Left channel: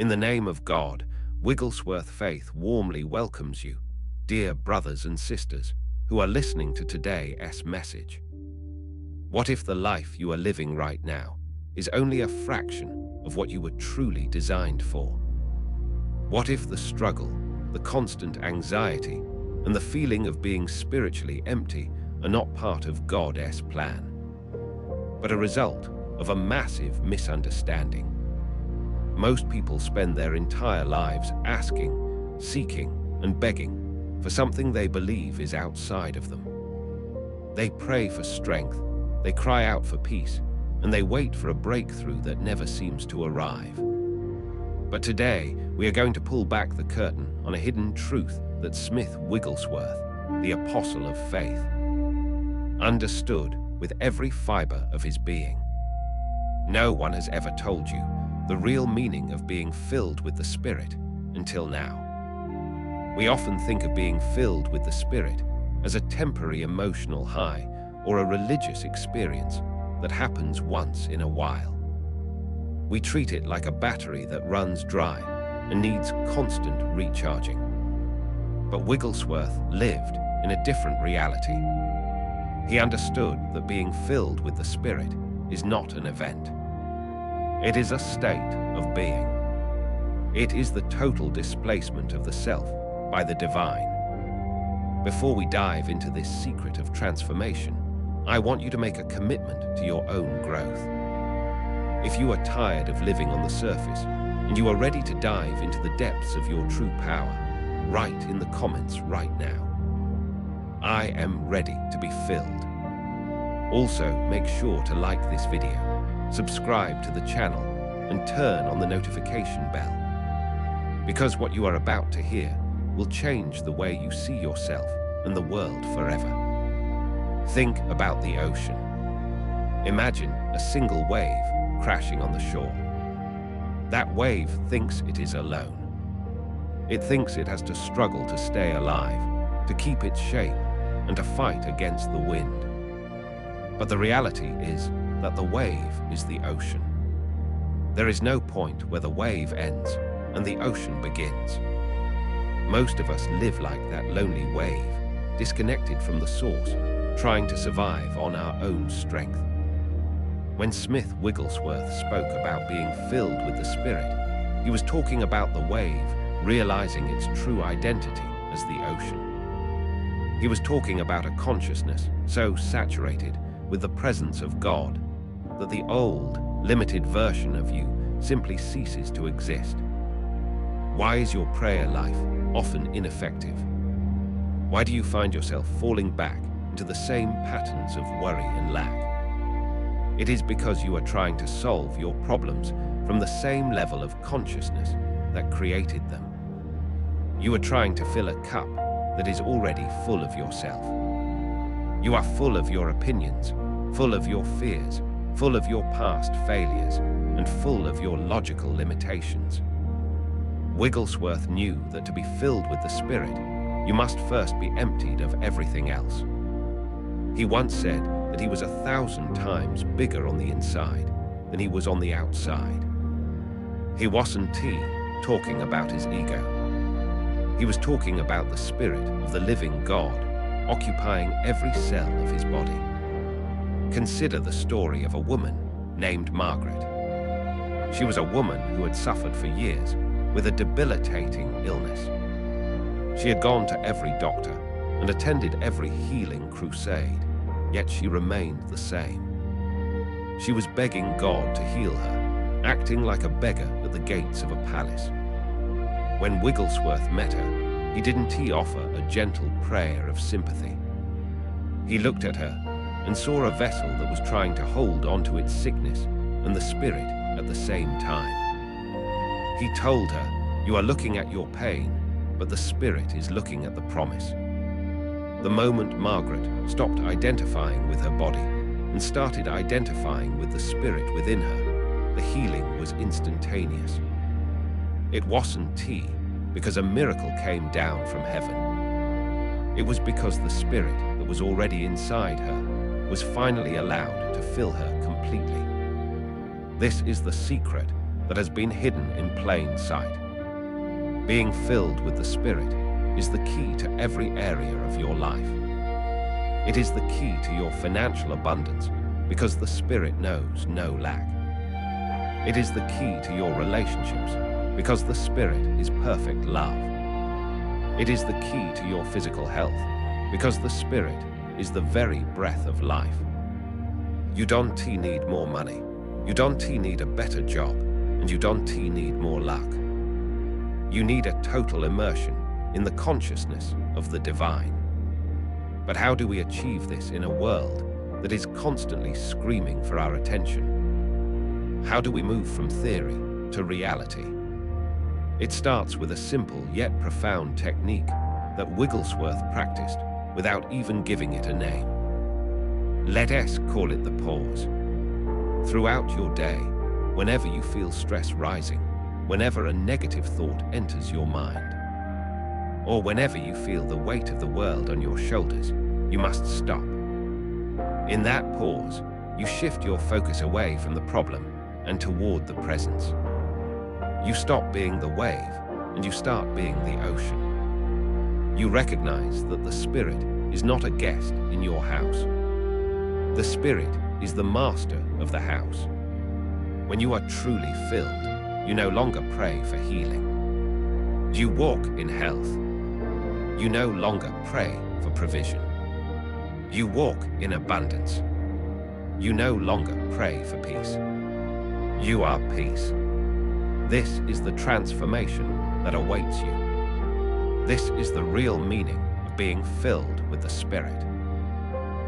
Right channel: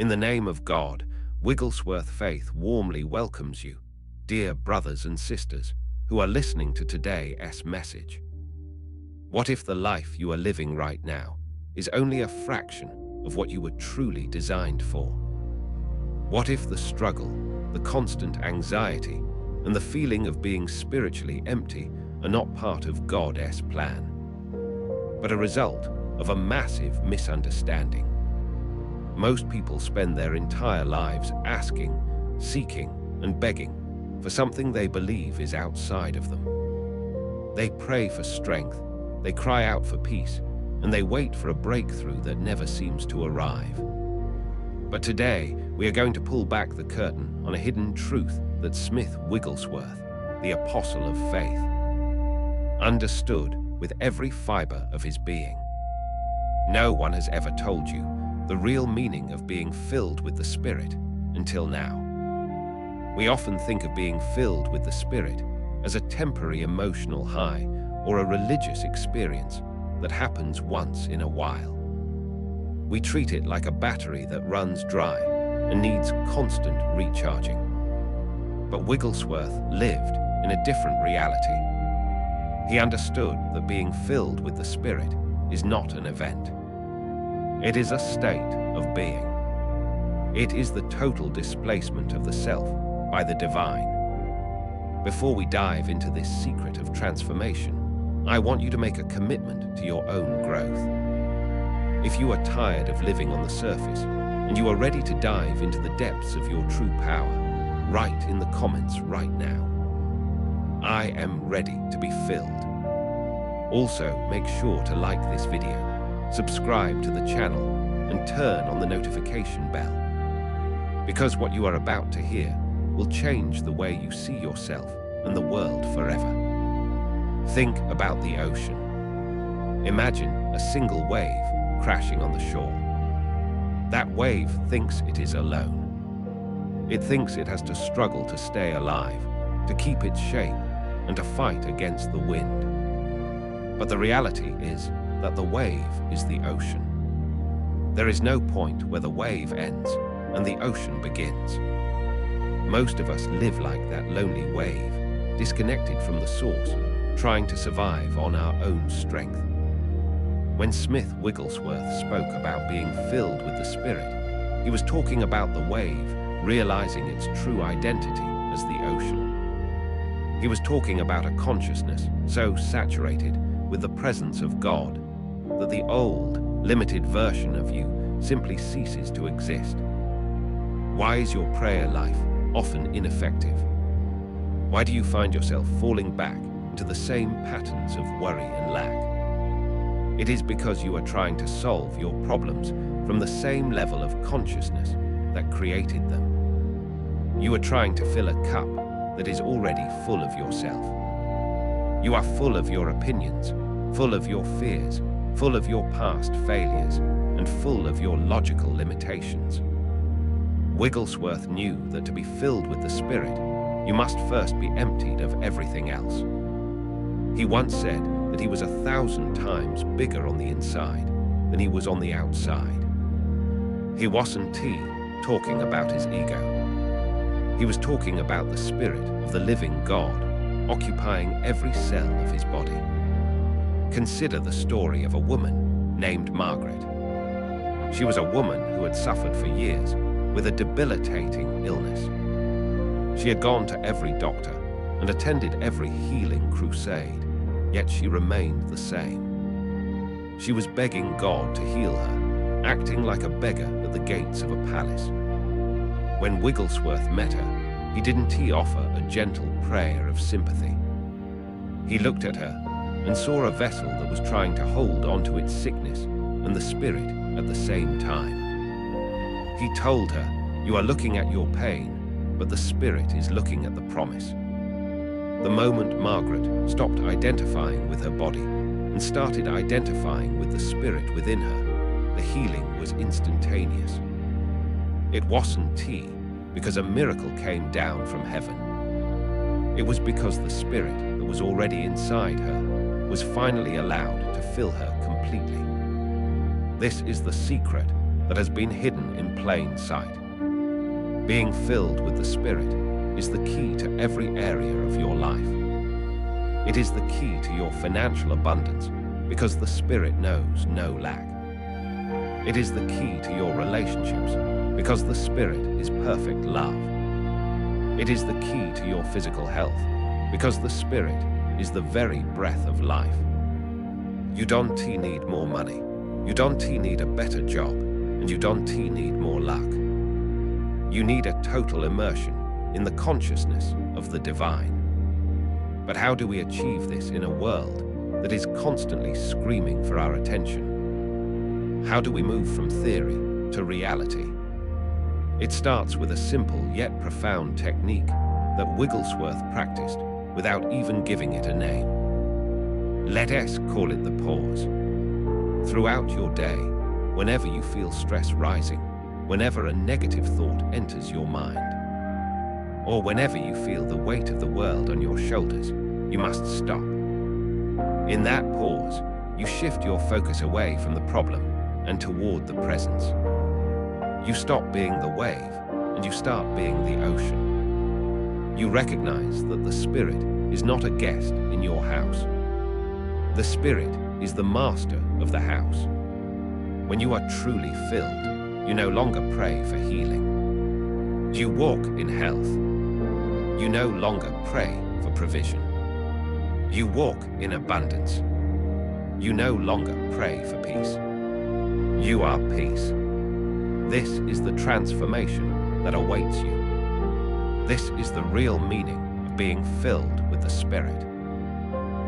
In the name of God, Wigglesworth Faith warmly welcomes you, dear brothers and sisters who are listening to today's message. What if the life you are living right now is only a fraction of what you were truly designed for? What if the struggle, the constant anxiety, and the feeling of being spiritually empty are not part of God's plan, but a result of a massive misunderstanding? Most people spend their entire lives asking, seeking, and begging for something they believe is outside of them. They pray for strength, they cry out for peace, and they wait for a breakthrough that never seems to arrive. But today, we are going to pull back the curtain on a hidden truth that Smith Wigglesworth, the apostle of faith, understood with every fiber of his being. No one has ever told you the real meaning of being filled with the Spirit until now. We often think of being filled with the Spirit as a temporary emotional high or a religious experience that happens once in a while. We treat it like a battery that runs dry and needs constant recharging. But Wigglesworth lived in a different reality. He understood that being filled with the Spirit is not an event. It is a state of being. It is the total displacement of the self by the divine. Before we dive into this secret of transformation, I want you to make a commitment to your own growth. If you are tired of living on the surface and you are ready to dive into the depths of your true power, write in the comments right now, "I am ready to be filled." Also, make sure to like this video, subscribe to the channel, and turn on the notification bell. Because what you are about to hear will change the way you see yourself and the world forever. Think about the ocean. Imagine a single wave crashing on the shore. That wave thinks it is alone. It thinks it has to struggle to stay alive, to keep its shape, and to fight against the wind. But the reality is that the wave is the ocean. There is no point where the wave ends and the ocean begins. Most of us live like that lonely wave, disconnected from the source, trying to survive on our own strength. When Smith Wigglesworth spoke about being filled with the Spirit, he was talking about the wave realizing its true identity as the ocean. He was talking about a consciousness so saturated with the presence of God that the old, limited version of you simply ceases to exist. Why is your prayer life often ineffective? Why do you find yourself falling back into the same patterns of worry and lack? It is because you are trying to solve your problems from the same level of consciousness that created them. You are trying to fill a cup that is already full of yourself. You are full of your opinions, full of your fears, full of your past failures, and full of your logical limitations. Wigglesworth knew that to be filled with the Spirit, you must first be emptied of everything else. He once said that he was 1,000 times bigger on the inside than he was on the outside. He wasn't talking about his ego. He was talking about the Spirit of the living God occupying every cell of his body. Consider the story of a woman named Margaret. She was a woman who had suffered for years with a debilitating illness. She had gone to every doctor and attended every healing crusade, yet she remained the same. She was begging God to heal her, acting like a beggar at the gates of a palace. When Wigglesworth met her, he didn't offer a gentle prayer of sympathy. He looked at her and saw a vessel that was trying to hold onto its sickness and the Spirit at the same time. He told her, "You are looking at your pain, but the Spirit is looking at the promise." The moment Margaret stopped identifying with her body and started identifying with the Spirit within her, the healing was instantaneous. It wasn't because a miracle came down from heaven. It was because the Spirit that was already inside her was finally allowed to fill her completely. This is the secret that has been hidden in plain sight. Being filled with the Spirit is the key to every area of your life. It is the key to your financial abundance because the Spirit knows no lack. It is the key to your relationships because the Spirit is perfect love. It is the key to your physical health because the Spirit is the very breath of life. You don't need more money. You don't need a better job, and you don't need more luck. You need a total immersion in the consciousness of the divine. But how do we achieve this in a world that is constantly screaming for our attention? How do we move from theory to reality? It starts with a simple yet profound technique that Wigglesworth practiced without even giving it a name. Let us call it the pause. Throughout your day, whenever you feel stress rising, whenever a negative thought enters your mind, or whenever you feel the weight of the world on your shoulders, you must stop. In that pause, you shift your focus away from the problem and toward the presence. You stop being the wave and you start being the ocean. You recognize that the Spirit is not a guest in your house. The Spirit is the master of the house. When you are truly filled, you no longer pray for healing. You walk in health. You no longer pray for provision. You walk in abundance. You no longer pray for peace. You are peace. This is the transformation that awaits you. This is the real meaning of being filled with the Spirit.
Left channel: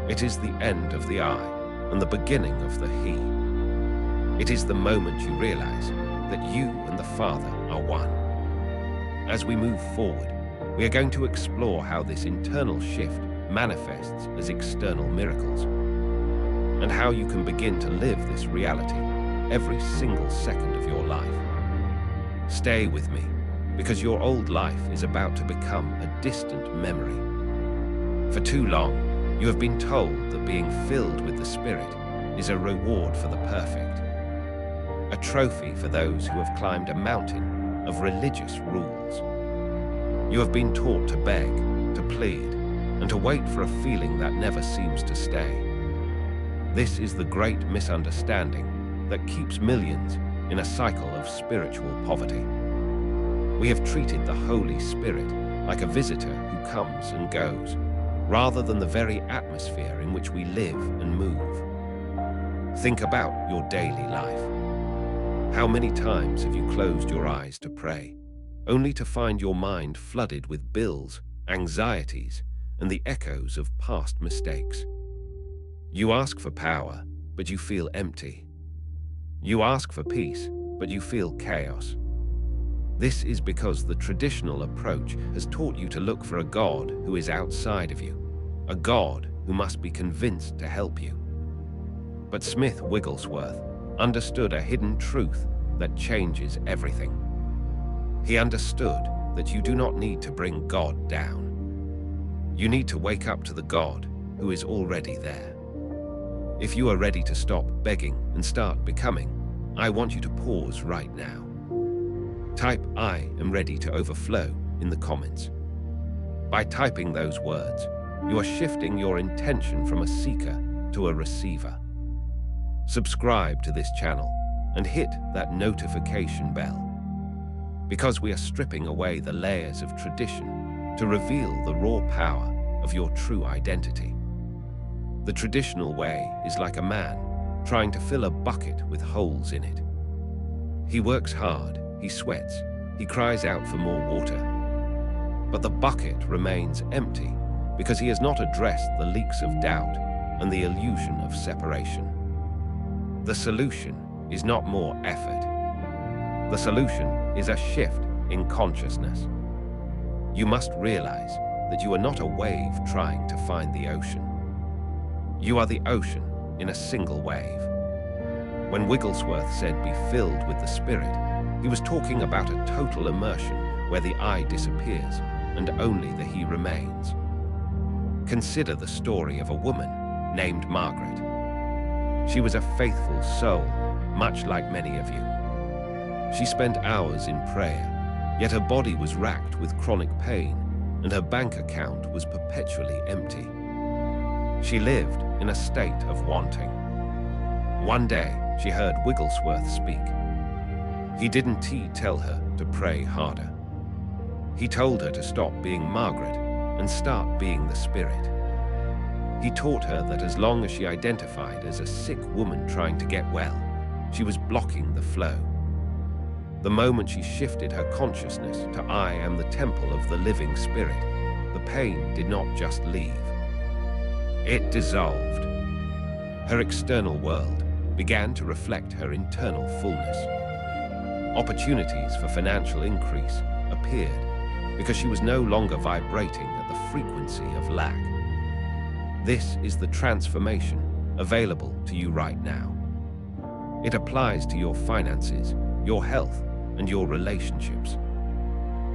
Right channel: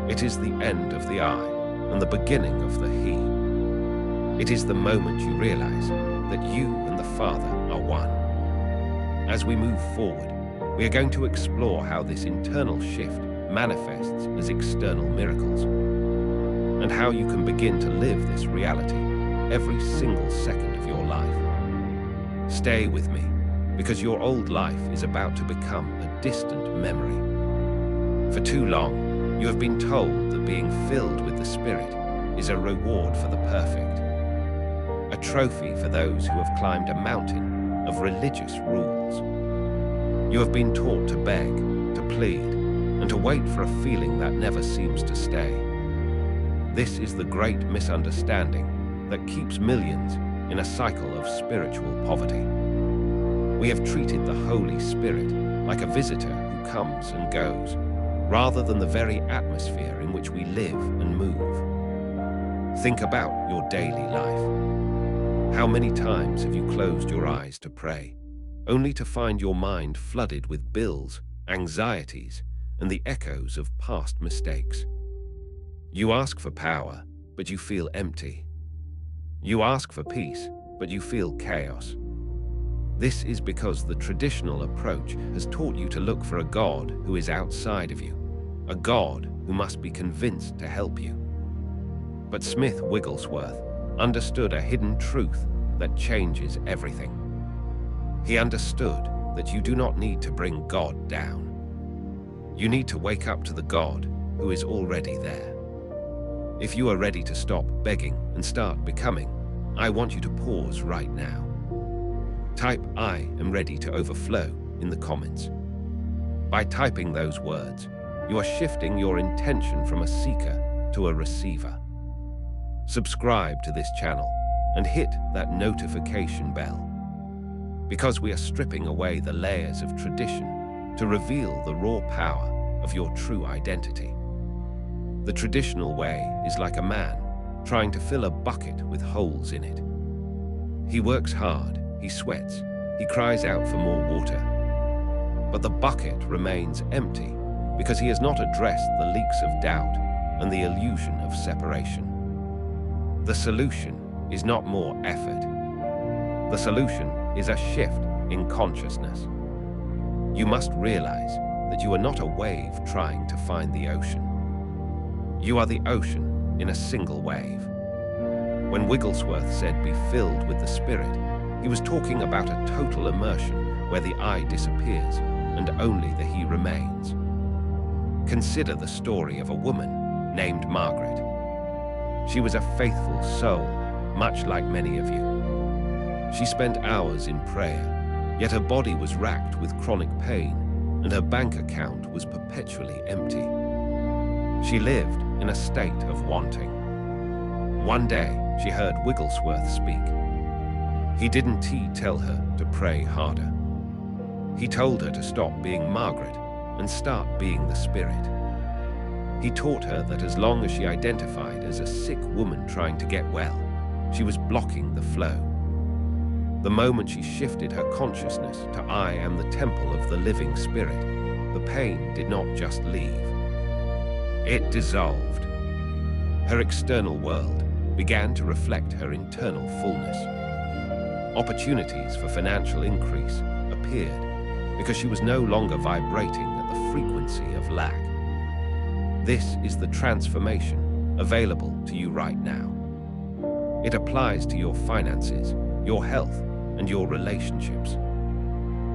It is the end of the I and the beginning of the He. It is the moment you realize that you and the Father are one. As we move forward, we are going to explore how this internal shift manifests as external miracles, and how you can begin to live this reality every single second of your life. Stay with me, because your old life is about to become a distant memory. For too long, you have been told that being filled with the Spirit is a reward for the perfect, a trophy for those who have climbed a mountain of religious rules. You have been taught to beg, to plead, and to wait for a feeling that never seems to stay. This is the great misunderstanding that keeps millions in a cycle of spiritual poverty. We have treated the Holy Spirit like a visitor who comes and goes, rather than the very atmosphere in which we live and move. Think about your daily life. How many times have you closed your eyes to pray, only to find your mind flooded with bills, anxieties, and the echoes of past mistakes? You ask for power, but you feel empty. You ask for peace, but you feel chaos. This is because the traditional approach has taught you to look for a God who is outside of you, a God who must be convinced to help you. But Smith Wigglesworth understood a hidden truth that changes everything. He understood that you do not need to bring God down. You need to wake up to the God who is already there. If you are ready to stop begging and start becoming, I want you to pause right now. Type "I am ready to overflow" in the comments. By typing those words, you are shifting your intention from a seeker to a receiver. Subscribe to this channel and hit that notification bell, because we are stripping away the layers of tradition to reveal the raw power of your true identity. The traditional way is like a man trying to fill a bucket with holes in it. He works hard, he sweats, he cries out for more water. But the bucket remains empty because he has not addressed the leaks of doubt and the illusion of separation. The solution is not more effort. The solution is a shift in consciousness. You must realize that you are not a wave trying to find the ocean. You are the ocean in a single wave. When Wigglesworth said be filled with the Spirit, he was talking about a total immersion where the I disappears and only the He remains. Consider the story of a woman named Margaret. She was a faithful soul, much like many of you. She spent hours in prayer, yet her body was racked with chronic pain and her bank account was perpetually empty. She lived in a state of wanting. One day, she heard Wigglesworth speak. He didn't tell her to pray harder. He told her to stop being Margaret and start being the Spirit. He taught her that as long as she identified as a sick woman trying to get well, she was blocking the flow. The moment she shifted her consciousness to I am the temple of the living Spirit, the pain did not just leave. It dissolved. Her external world began to reflect her internal fullness. Opportunities for financial increase appeared because she was no longer vibrating at the frequency of lack. This is the transformation available to you right now. It applies to your finances, your health, and your relationships.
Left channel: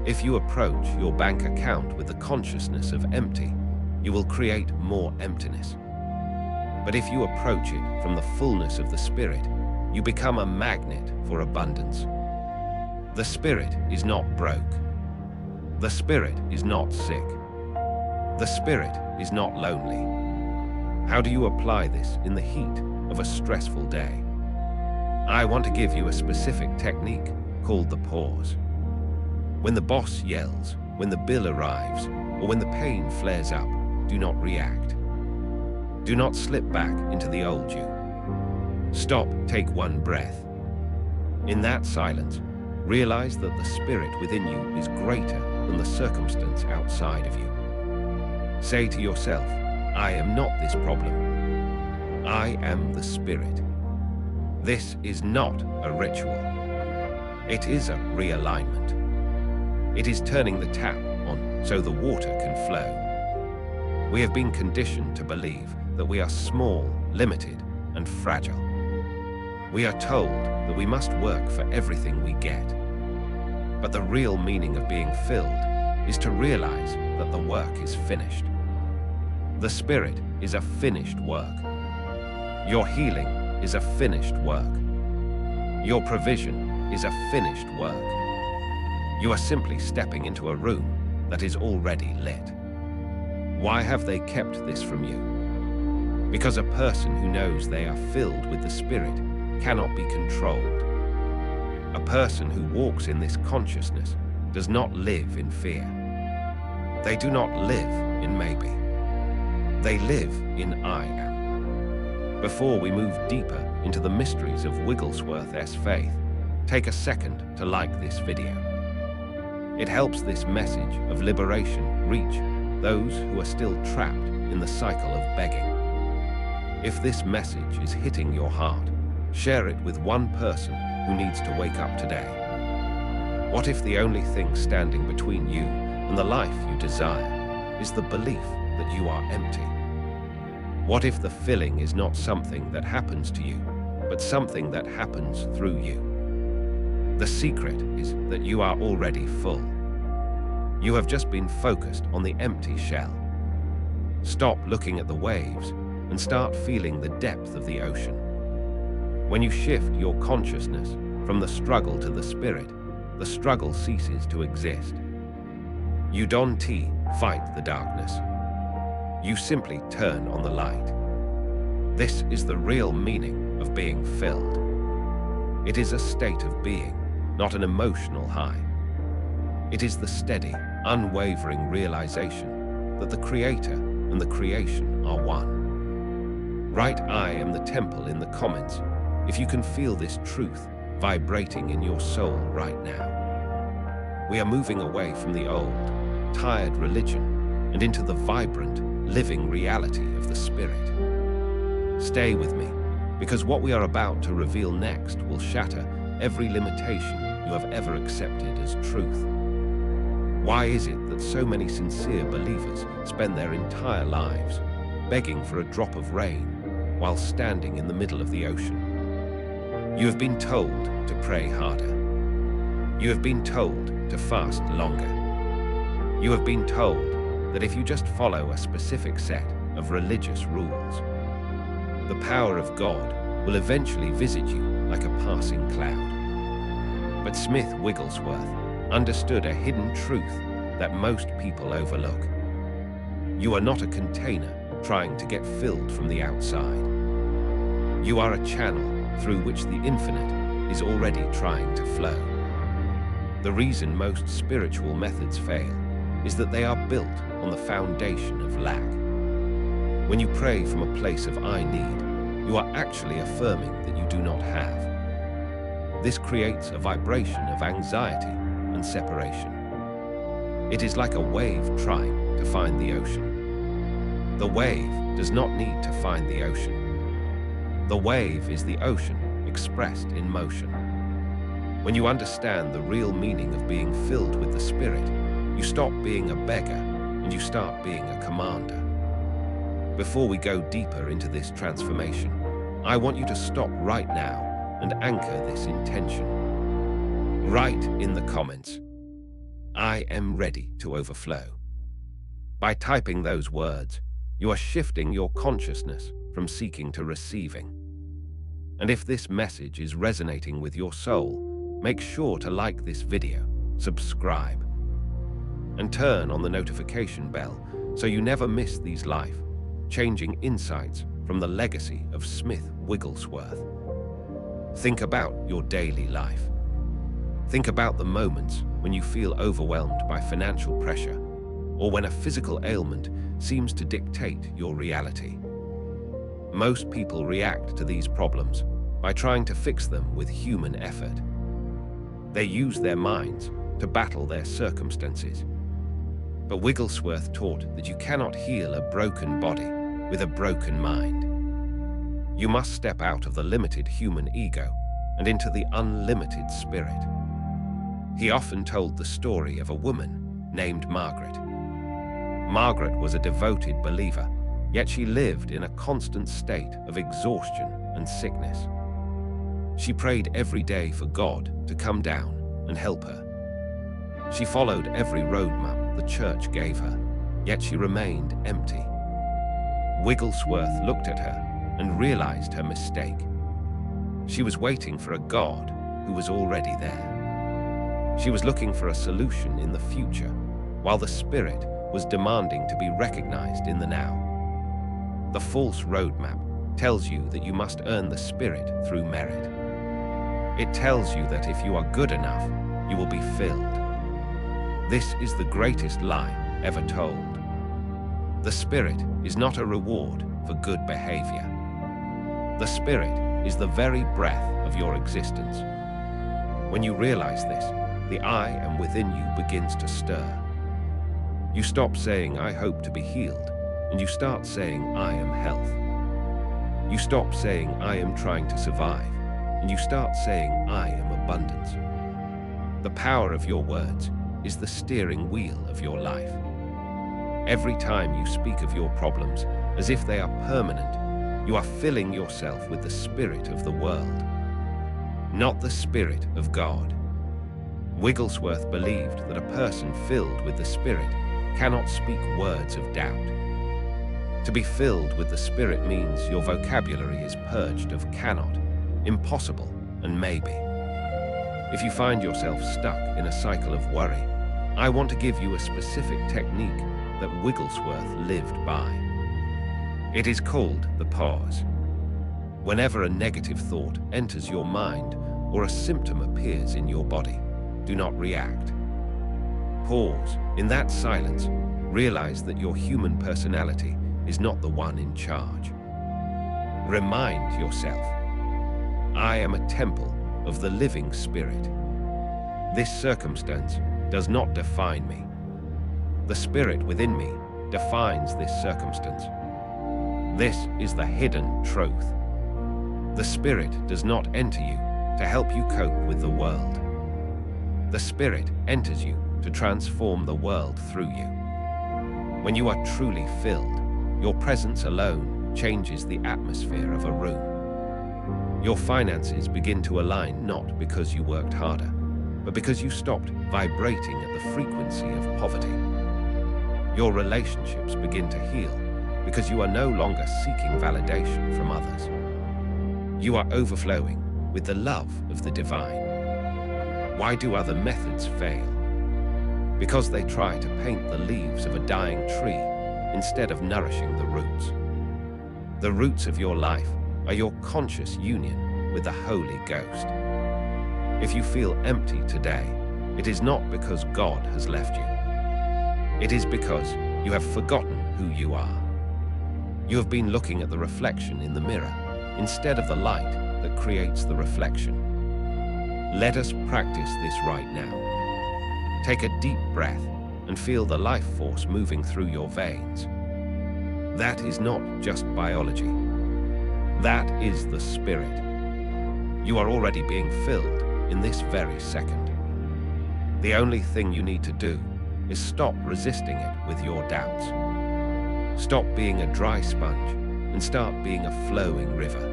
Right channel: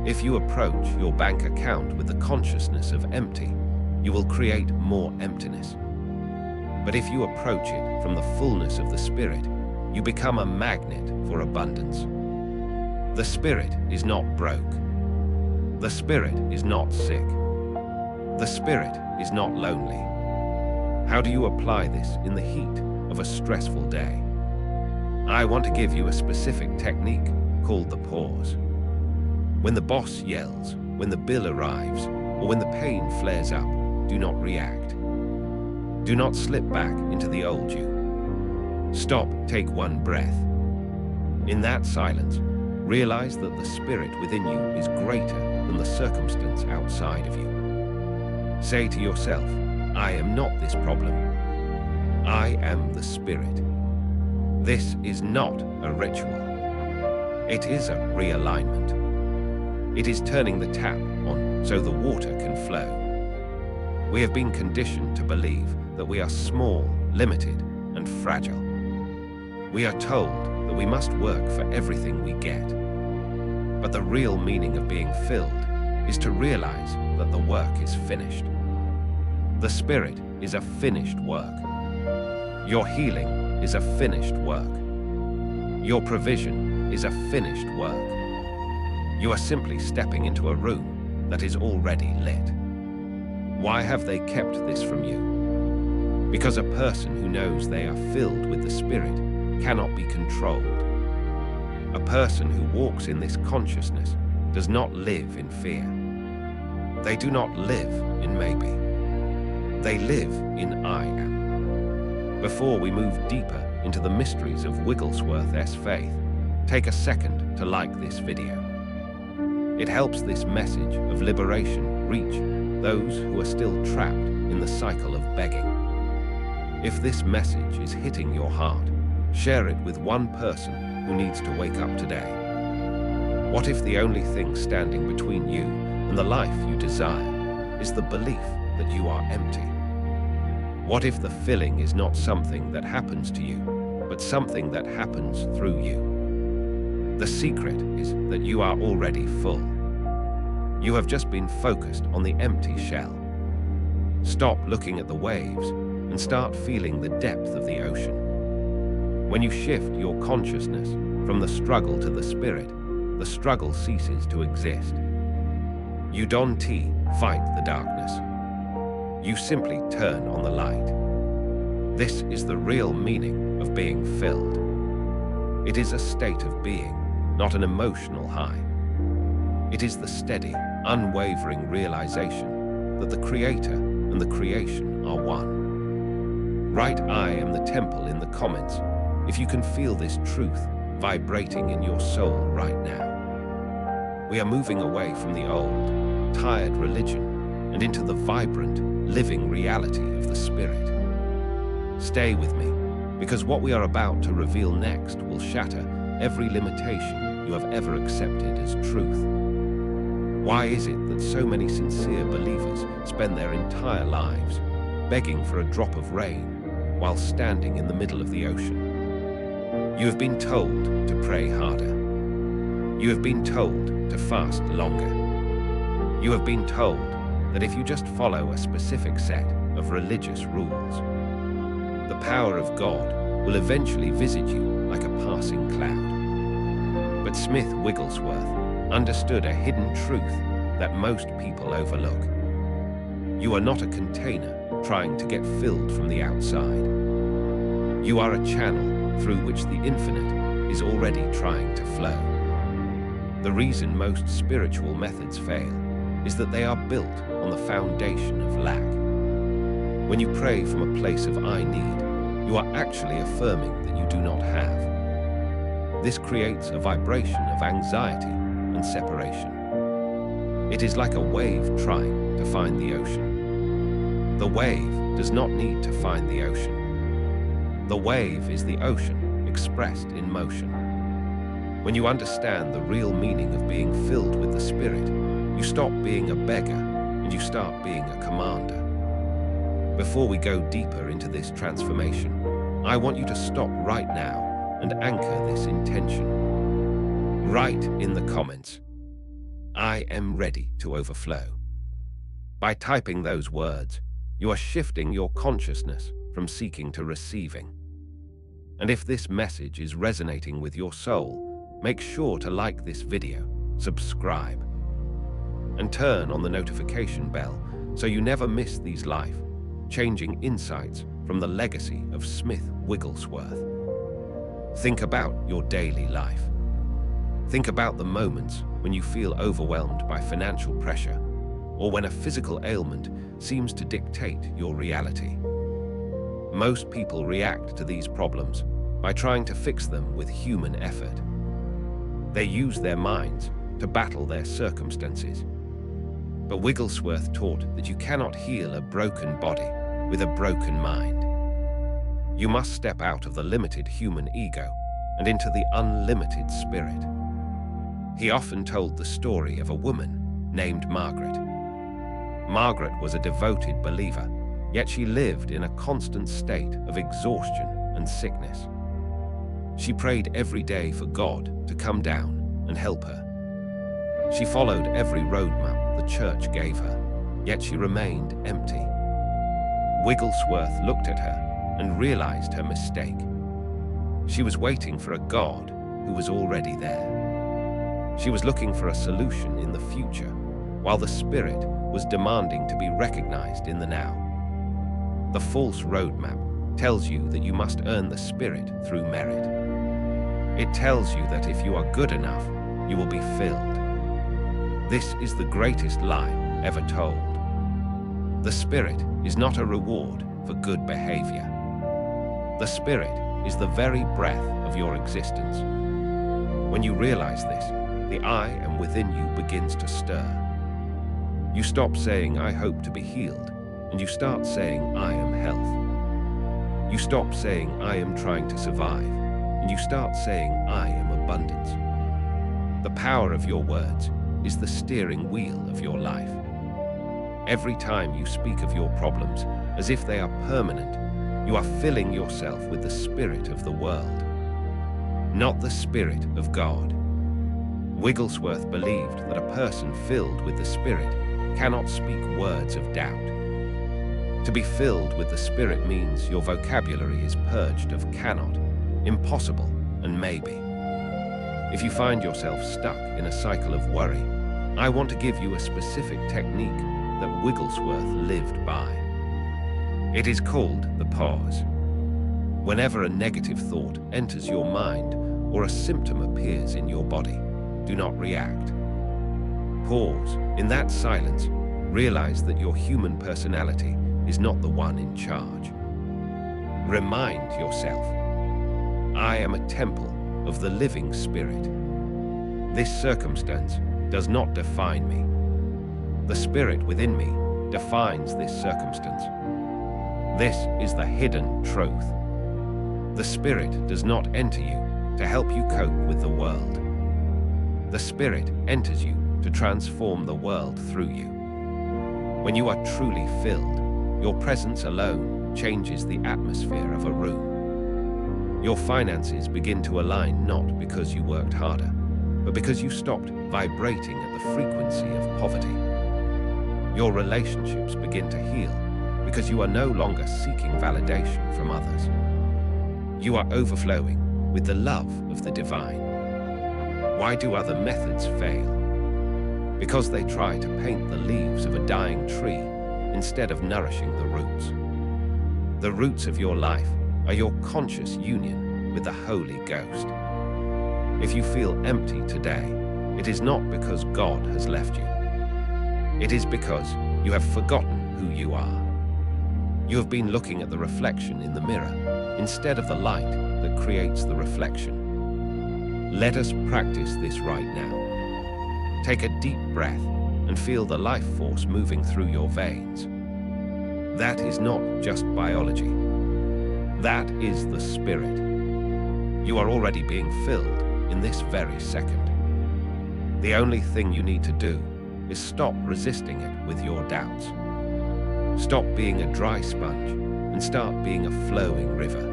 If you approach your bank account with the consciousness of empty, you will create more emptiness. But if you approach it from the fullness of the Spirit, you become a magnet for abundance. The Spirit is not broke. The Spirit is not sick. The Spirit is not lonely. How do you apply this in the heat of a stressful day? I want to give you a specific technique called the pause. When the boss yells, when the bill arrives, or when the pain flares up, do not react. Do not slip back into the old you. Stop, take one breath. In that silence, realize that the Spirit within you is greater than the circumstance outside of you. Say to yourself, I am not this problem. I am the Spirit. This is not a ritual. It is a realignment. It is turning the tap on so the water can flow. We have been conditioned to believe that we are small, limited, and fragile. We are told that we must work for everything we get. But the real meaning of being filled is to realize that the work is finished. The Spirit is a finished work. Your healing is a finished work. Your provision is a finished work. You are simply stepping into a room that is already lit. Why have they kept this from you? Because a person who knows they are filled with the Spirit cannot be controlled. A person who walks in this consciousness does not live in fear. They do not live in maybe. They live in I am. Before we move deeper into the mysteries of Wigglesworth's faith, take a second to like this video. It helps this message of liberation reach those who are still trapped in the cycle of begging. If this message is hitting your heart, share it with one person who needs to wake up today. What if the only thing standing between you and the life you desire is the belief that you are empty? What if the filling is not something that happens to you, but something that happens through you? The secret is that you are already full. You have just been focused on the empty shell. Stop looking at the waves and start feeling the depth of the ocean. When you shift your consciousness from the struggle to the Spirit, the struggle ceases to exist. You don't fight the darkness. You simply turn on the light. This is the real meaning of being filled. It is a state of being, not an emotional high. It is the steady, unwavering realization that the Creator and the creation are one. Write I am the temple in the comments if you can feel this truth vibrating in your soul right now. We are moving away from the old, tired religion and into the vibrant, living reality of the Spirit. Stay with me, because what we are about to reveal next will shatter every limitation you have ever accepted as truth. Why is it that so many sincere believers spend their entire lives begging for a drop of rain while standing in the middle of the ocean? You have been told to pray harder. You have been told to fast longer. You have been told that if you just follow a specific set of religious rules, the power of God will eventually visit you like a passing cloud. But Smith Wigglesworth understood a hidden truth that most people overlook. You are not a container trying to get filled from the outside. You are a channel through which the infinite is already trying to flow. The reason most spiritual methods fail is that they are built on the foundation of lack. When you pray from a place of "I need," you are actually affirming that you do not have. This creates a vibration of anxiety and separation. It is like a wave trying to find the ocean. The wave does not need to find the ocean. The wave is the ocean expressed in motion. When you understand the real meaning of being filled with the Spirit, you stop being a beggar and you start being a commander. Before we go deeper into this transformation, I want you to stop right now and anchor this intention. Write in the comments, "I am ready to overflow." By typing those words, you are shifting your consciousness from seeking to receiving. And if this message is resonating with your soul, make sure to like this video, subscribe, and turn on the notification bell so you never miss these life-changing insights from the legacy of Smith Wigglesworth. Think about your daily life. Think about the moments when you feel overwhelmed by financial pressure or when a physical ailment seems to dictate your reality. Most people react to these problems by trying to fix them with human effort. They use their minds to battle their circumstances. But Wigglesworth taught that you cannot heal a broken body with a broken mind. You must step out of the limited human ego and into the unlimited spirit. He often told the story of a woman named Margaret. Margaret was a devoted believer, yet she lived in a constant state of exhaustion and sickness. She prayed every day for God to come down and help her. She followed every roadmap the church gave her, yet she remained empty. Wigglesworth looked at her and realized her mistake. She was waiting for a God who was already there. She was looking for a solution in the future, while the Spirit was demanding to be recognized in the now. The false roadmap tells you that you must earn the Spirit through merit. It tells you that if you are good enough, you will be filled. This is the greatest lie ever told. The Spirit is not a reward for good behavior. The Spirit is the very breath of your existence. When you realize this, the I am within you begins to stir. You stop saying, "I hope to be healed," and you start saying, "I am health." You stop saying, "I am trying to survive," and you start saying, "I am abundance." The power of your words is the steering wheel of your life. Every time you speak of your problems as if they are permanent, you are filling yourself with the spirit of the world, not the Spirit of God. Wigglesworth believed that a person filled with the Spirit cannot speak words of doubt. To be filled with the Spirit means your vocabulary is purged of cannot, impossible, and maybe. If you find yourself stuck in a cycle of worry, I want to give you a specific technique that Wigglesworth lived by. It is called the pause. Whenever a negative thought enters your mind or a symptom appears in your body, do not react. Pause. In that silence, realize that your human personality is not the one in charge. Remind yourself, I am a temple of the living Spirit. This circumstance does not define me. The Spirit within me defines this circumstance. This is the hidden truth. The Spirit does not enter you to help you cope with the world. The Spirit enters you to transform the world through you. When you are truly filled, your presence alone changes the atmosphere of a room. Your finances begin to align not because you worked harder, but because you stopped vibrating at the frequency of poverty. Your relationships begin to heal because you are no longer seeking validation from others. You are overflowing with the love of the divine. Why do other methods fail? Because they try to paint the leaves of a dying tree instead of nourishing the roots. The roots of your life are your conscious union with the Holy Ghost. If you feel empty today, it is not because God has left you. It is because you have forgotten who you are. You have been looking at the reflection in the mirror instead of the light that creates the reflection. Let us practice this right now. Take a deep breath and feel the life force moving through your veins. That is not just biology. That is the Spirit. You are already being filled in this very second. The only thing you need to do is stop resisting it with your doubts. Stop being a dry sponge and start being a flowing river.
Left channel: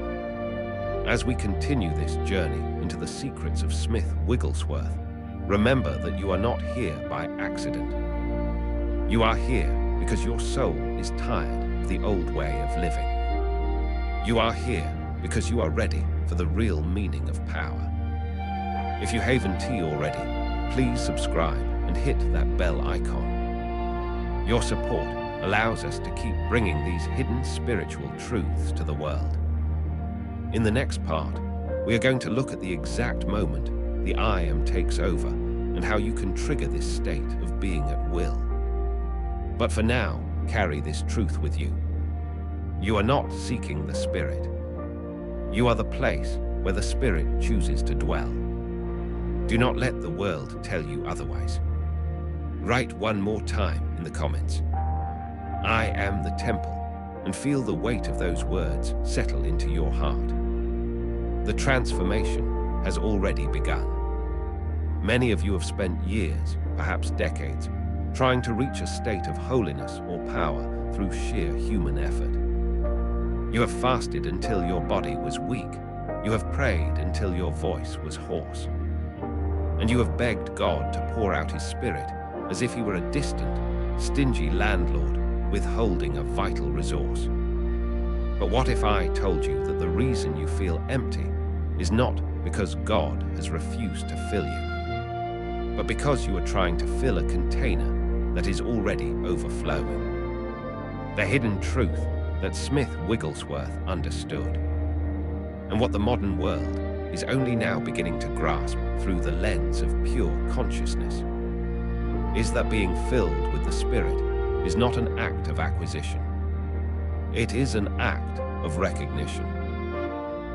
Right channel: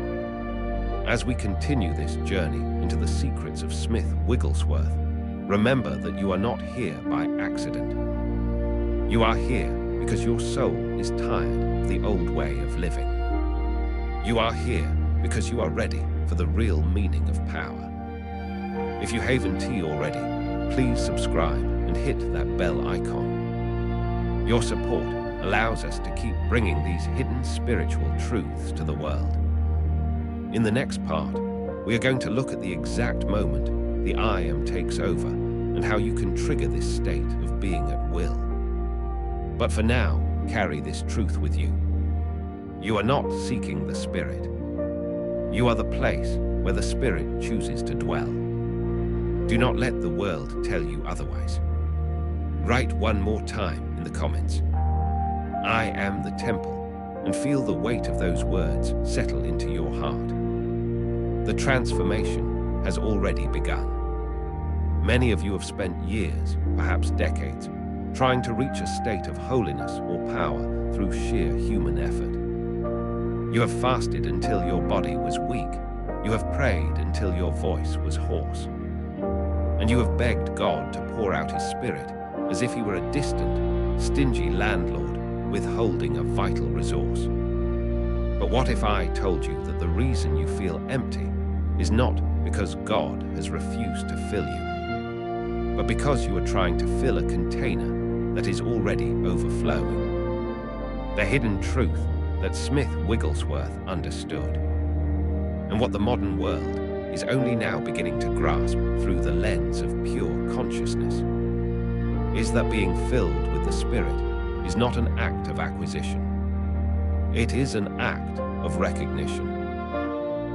As we continue this journey into the secrets of Smith Wigglesworth, remember that you are not here by accident. You are here because your soul is tired of the old way of living. You are here because you are ready for the real meaning of power. If you haven't already, please subscribe and hit that bell icon. Your support allows us to keep bringing these hidden spiritual truths to the world. In the next part, we are going to look at the exact moment the I Am takes over and how you can trigger this state of being at will. But for now, carry this truth with you. You are not seeking the Spirit. You are the place where the Spirit chooses to dwell. Do not let the world tell you otherwise. Write one more time in the comments, I am the temple, and feel the weight of those words settle into your heart. The transformation has already begun. Many of you have spent years, perhaps decades, trying to reach a state of holiness or power through sheer human effort. You have fasted until your body was weak. You have prayed until your voice was hoarse. And you have begged God to pour out His Spirit as if He were a distant, stingy landlord withholding a vital resource. But what if I told you that the reason you feel empty is not because God has refused to fill you, but because you are trying to fill a container that is already overflowing? The hidden truth that Smith Wigglesworth understood, and what the modern world is only now beginning to grasp through the lens of pure consciousness, is that being filled with the Spirit is not an act of acquisition. It is an act of recognition.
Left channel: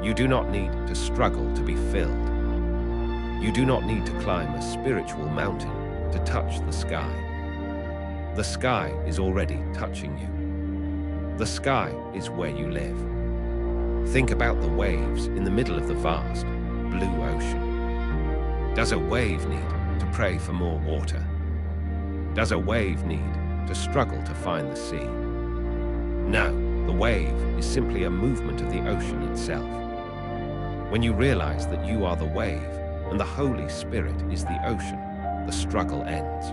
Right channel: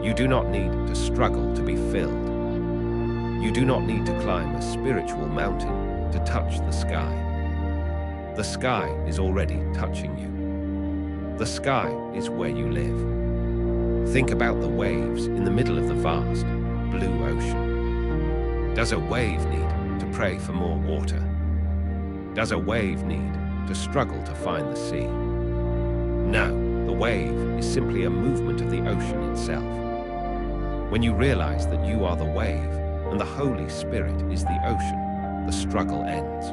You do not need to struggle to be filled. You do not need to climb a spiritual mountain to touch the sky. The sky is already touching you. The sky is where you live. Think about the waves in the middle of the vast, blue ocean. Does a wave need to pray for more water? Does a wave need to struggle to find the sea? No, the wave is simply a movement of the ocean itself. When you realize that you are the wave and the Holy Spirit is the ocean, the struggle ends.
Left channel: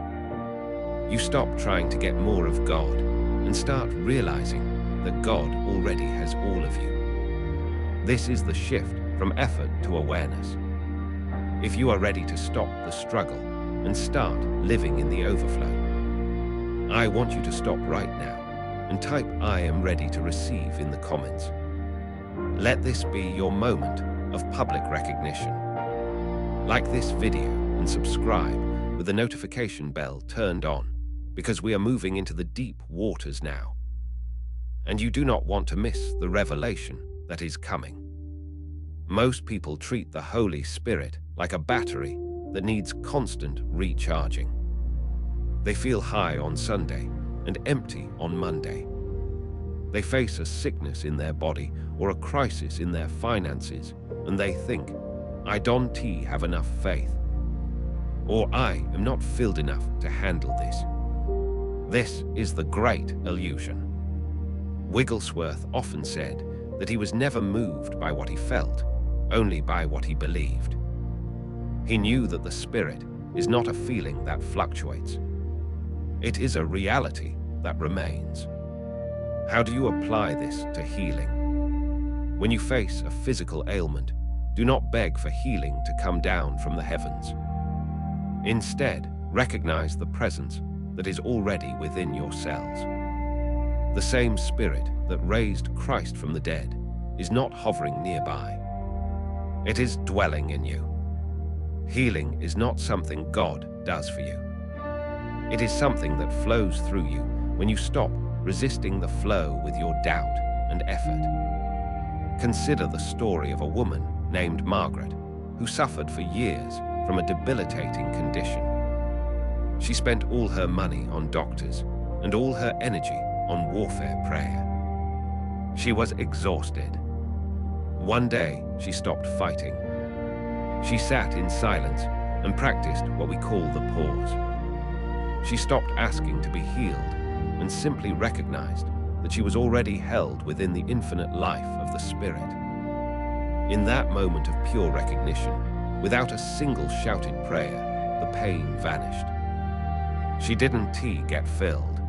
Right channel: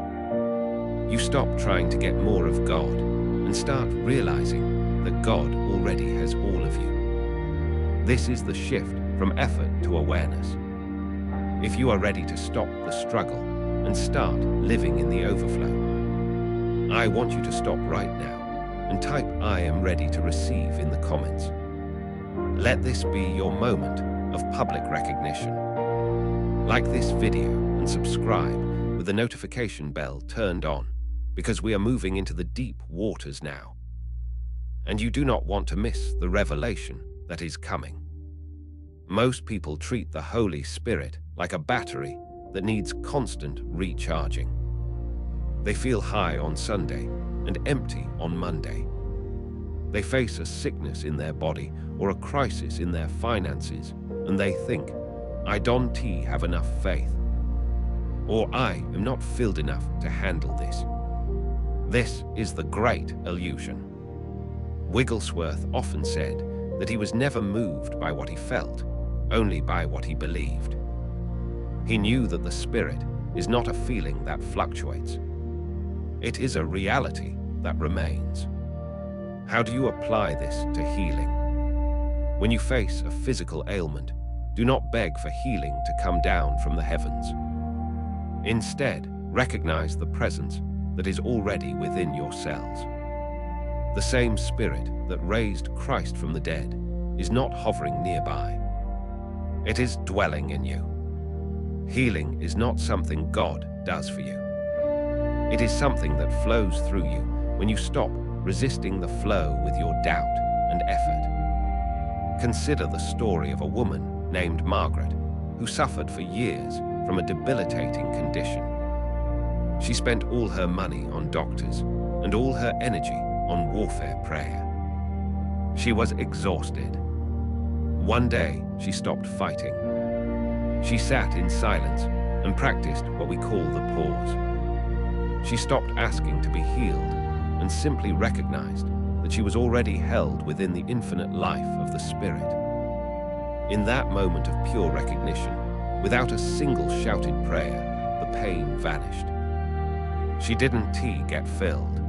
You stop trying to get more of God and start realizing that God already has all of you. This is the shift from effort to awareness. If you are ready to stop the struggle and start living in the overflow, I want you to stop right now and type I am ready to receive in the comments. Let this be your moment of public recognition. Like this video and subscribe with the notification bell turned on, because we are moving into the deep waters now. And you do not want to miss the revelation that is coming. Most people treat the Holy Spirit like a battery that needs constant recharging. They feel high on Sunday and empty on Monday. They face a sickness in their body or a crisis in their finances, and they think, I don't have enough faith, or I am not filled enough to handle this. This is the great illusion. Wigglesworth often said that he was never moved by what he felt, only by what he believed. He knew that the Spirit is not a feeling that fluctuates. It is a reality that remains. How do you apply this to healing? When you face a physical ailment, do not beg for healing to come down from the heavens. Instead, recognize the presence that is already within your cells. The same Spirit that raised Christ from the dead is not hovering nearby. It is dwelling in you. Healing is not something God does for you. It is something that flows through you when you stop resisting the flow with your doubt and effort. Consider the story of a woman named Margaret who suffered for years from a debilitating condition. She spent all her money on doctors and all her energy on warfare prayer. She was exhausted. One day, she stopped fighting. She sat in silence and practiced what we call the pause. She stopped asking to be healed and simply recognized that she was already held within the infinite life of the Spirit. In that moment of pure recognition, without a single shouted prayer, the pain vanished. She didn't get filled.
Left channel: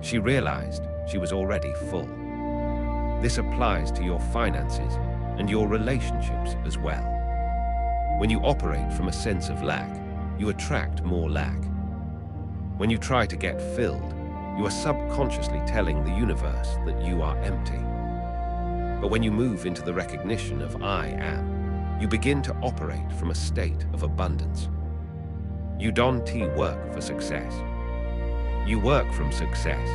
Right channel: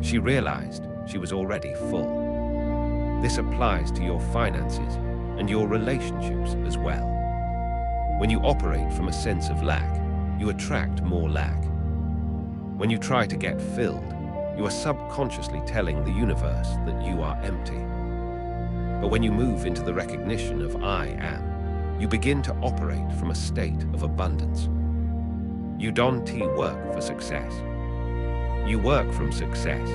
She realized she was already full. This applies to your finances and your relationships as well. When you operate from a sense of lack, you attract more lack. When you try to get filled, you are subconsciously telling the universe that you are empty. But when you move into the recognition of I am, you begin to operate from a state of abundance. You don't work for success. You work from success.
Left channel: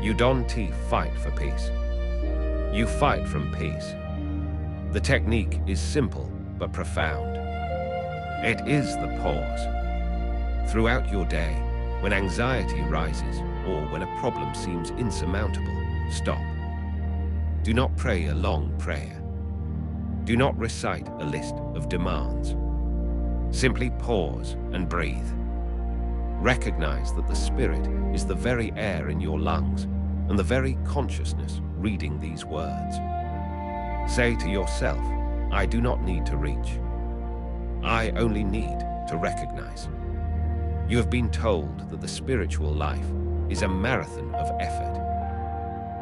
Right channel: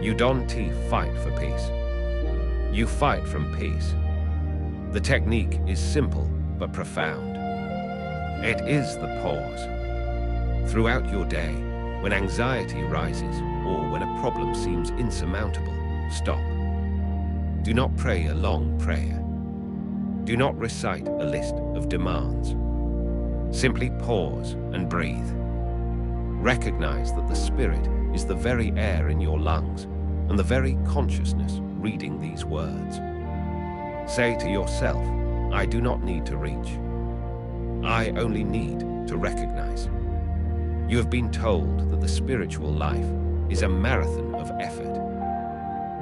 You don't fight for peace. You fight from peace. The technique is simple but profound. It is the pause. Throughout your day, when anxiety rises or when a problem seems insurmountable, stop. Do not pray a long prayer. Do not recite a list of demands. Simply pause and breathe. Recognize that the Spirit is the very air in your lungs and the very consciousness reading these words. Say to yourself, I do not need to reach. I only need to recognize. You have been told that the spiritual life is a marathon of effort.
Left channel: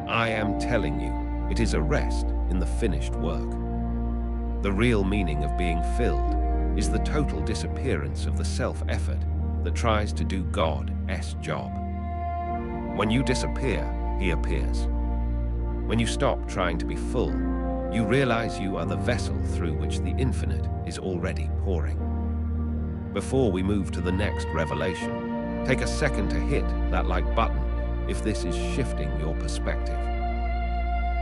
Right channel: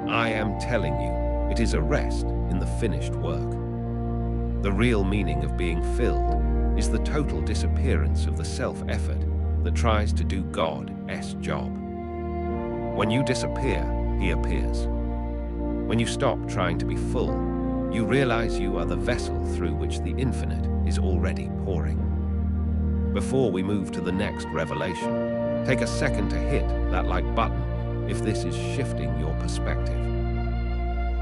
I am telling you, it is a rest in the finished work. The real meaning of being filled is the total disappearance of the self-effort that tries to do God's job. When you disappear, He appears. When you stop trying to be full, you realize you are the vessel through which the infinite is already pouring. Before we move to the next revelation, take a second to hit that like button if this is shifting your perspective.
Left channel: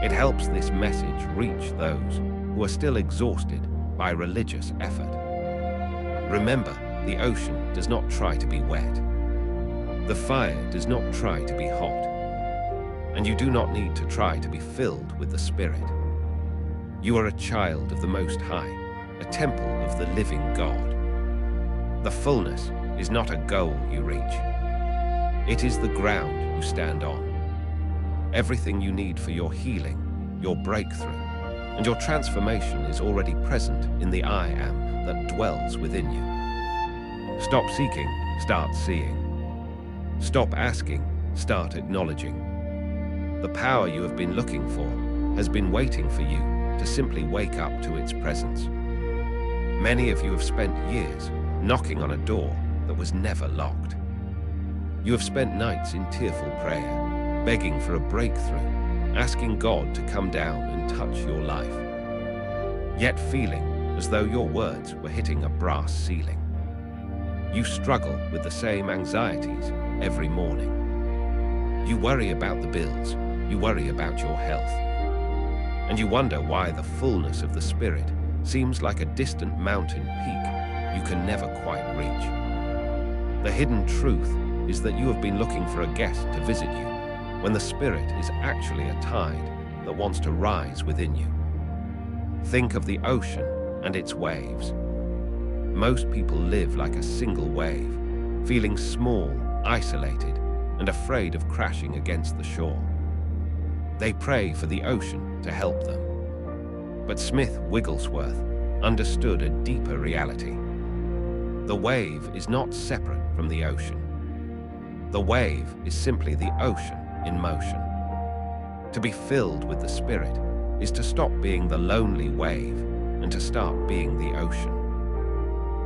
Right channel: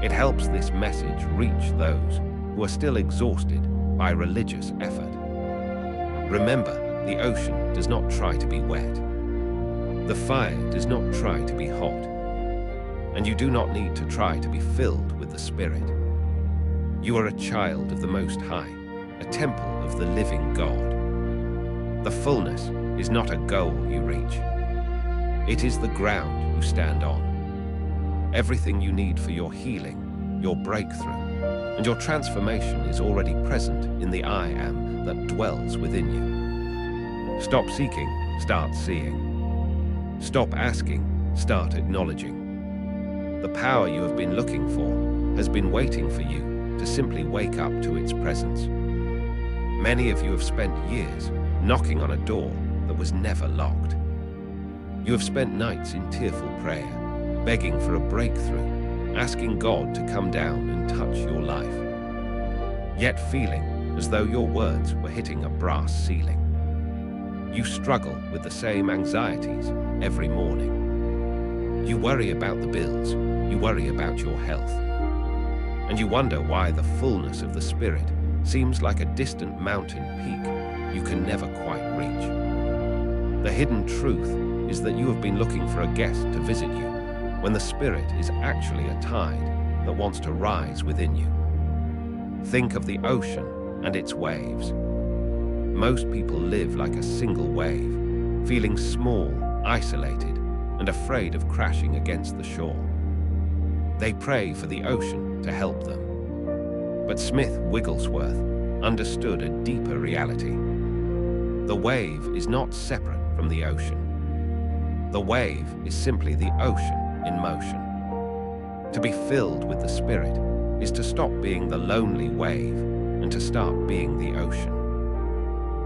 It helps this message reach those who are still exhausted by religious effort. Remember, the ocean does not try to be wet. The fire does not try to be hot. And you do not need to try to be filled with the Spirit. You are a child of the Most High, a temple of the living God. The fullness is not a goal you reach. It is the ground you stand on. Everything you need for your healing, your breakthrough, and your transformation is already present in the I am that dwells within you. Stop seeking, start seeing. Stop asking, start acknowledging. The power you have been looking for has been waiting for you to simply wake up to its presence. Many of you have spent years knocking on a door that was never locked. You have spent nights in tearful prayer, begging for a breakthrough, asking God to come down and touch your life, yet feeling as though your words were hitting a brass ceiling. You struggle with the same anxieties every morning. You worry about the bills, you worry about your health, and you wonder why the fullness of the Spirit seems like a distant mountain peak you can never quite reach. The hidden truth is that you have been looking for a guest to visit you, when the Spirit is actually a tide that wants to rise within you. Think of the ocean and its waves. Most people live like a single wave, feeling small, isolated, and afraid of crashing against the shore. They pray for the ocean to help them. But Smith Wigglesworth understood a deeper reality. The wave is not separate from the ocean. The wave is simply the ocean in motion. To be filled with the Spirit is to stop being the lonely wave and to start being the ocean.